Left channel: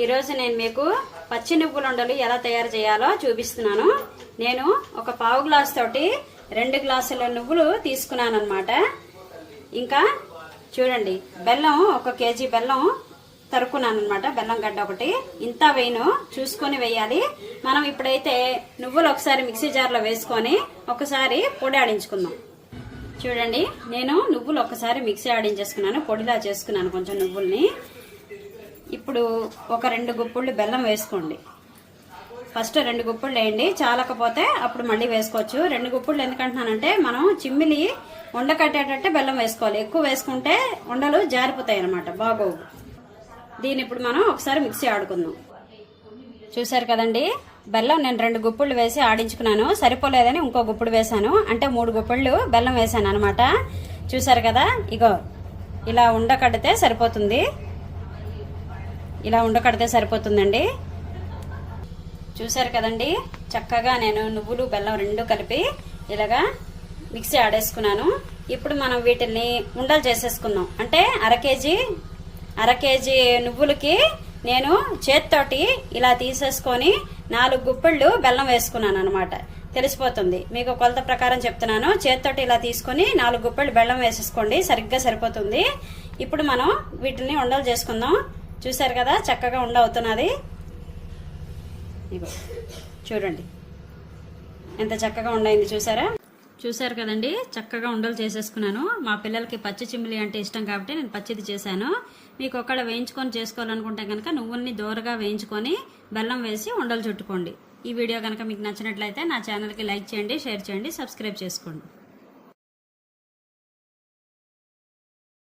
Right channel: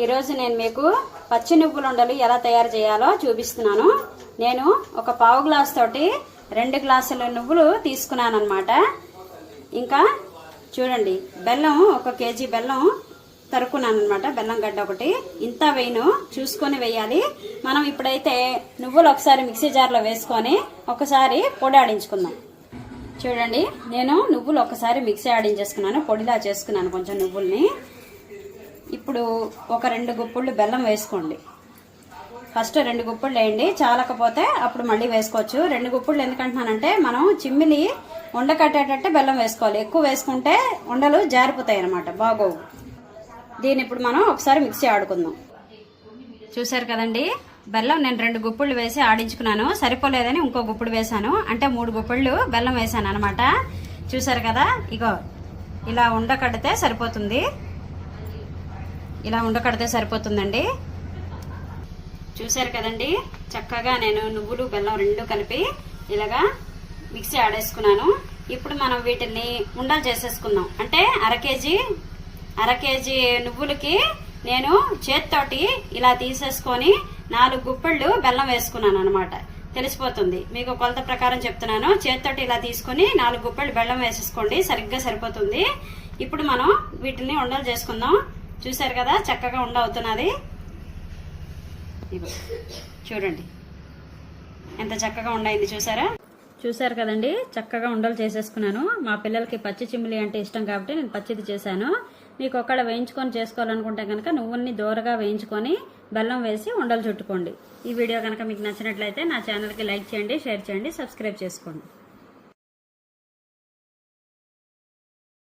ఈరోజు నేను మీకు పచ్చి నువ్వుల ఉండలు ఎలా తయారు చేయాలో చూపిస్తున్నాను. నేను ఒక పావు గ్లాస్ తోటి 2 గ్లాసుల నువ్వులు తీసుకున్నాను అన్నమాట. ఇంకా చూడండి, బెల్లం 1 కేజీ బెల్లం తరుక్కున్నాను అనమాట. బెల్లం గడ్డ ఒకటి ఇంత వేయను, చూసుకొని వేయాలి. మనం ఇప్పుడైతే నువ్వులు ఒకసారి మిక్సీ జార్లో వేసుకొని ఒకసారి పొడి ఆడించుకుందాం. చూడండి, నేను నువ్వులు ఒకసారి మిక్సీ ఆడించేసుకున్నాను, పొడిలా చేసుకున్నాను కొంచెం నువ్వుల్ని. ఇప్పుడు ఒక 2 గుప్పుళ్ళు బెల్లం వేసుకోండి. ఫస్ట్ 2 గుప్పుళ్ళు వేయండి, చాలకపోతే అప్పుడు మళ్ళీ వేసుకోవచ్చు. 2 గుప్పుళ్ళు ఎందుకంటున్నానంటే మనం చిమ్మిలి ఉండ కట్టేటట్టే బెల్లం వేసుకోవాలి. ఎక్కువ వేసుకుంటే ఉండలు జారిపోతాయి అన్నమాట, బాగోవు. దీన్ని ఇప్పుడు మనం ఒకసారి మిక్సీ ఆడుకుందాం. చూసారు కదండి, బెల్లం నేను 2 గుప్పుళ్ళు వేసి ఆడించుకున్నాను. సరిపోలేదని ఇంకో గుప్పుడు వేసాను, అంటే 3 గుప్పుళ్ళు బెల్లం వేసాను అనమాట. చూసారు కదా, ఇగో ఇలా ఉండ కడితే సరిపోతుంది. ఇలా ఉండకడితే సరిపోతుందండి. చూసారు కదండి, చక్కగా నేను నువ్వులు బెల్లం 2 కలిపి ఇలాగా మిక్సీ ఆడేసుకున్నాను. ఇప్పుడు మనం వీటిని ఉండలు చేసేసుకుందాం. అంటే అర కేజీ నువ్వులకి నేను చేత్తోటి ఇలా తీసేసుకొని 4 గుప్పిళ్ళు బెల్లం వేసుకున్నాను అనమాట. తెలిసిపోతుంది మీకు, కొలత ప్రకారం చెప్తున్నాను. చేత్తోటి ఇలా తీసుకుని 4 గుప్పిళ్ళు బెల్లం వేసేసుకోండి, సరిగ్గా సరిపోతుంది. ఇప్పుడు మనం వీటిని ఉండలు చేసుకుందాం. చూసారు కదా, చక్కగా ఉండ అవుతున్నది. చూడండి ఎంత చక్కగా ఉండైంది, చూసారు కదండి. చక్కగా ఉండలు చేసేసుకున్నాను. మా పిల్లలకి పచ్చి చిమ్మిలి అంటే ఇష్టం కాబట్టి నేను పచ్చిది చేశాను. మీకు ఒకవేళ వేయించుకొని చేసుకోవాలనుకుంటే కనుక నువ్వుల్ని దూరగా వేయించుకొని బెల్లం వేసి ఉండలు చుట్టుకోండి. ఈ వీడియో కనుక మీకు నచ్చినట్లయితే నా ఛానల్కి లైక్ చేయండి, షేర్ చేయండి, సబ్స్క్రైబ్ చేసుకోండి.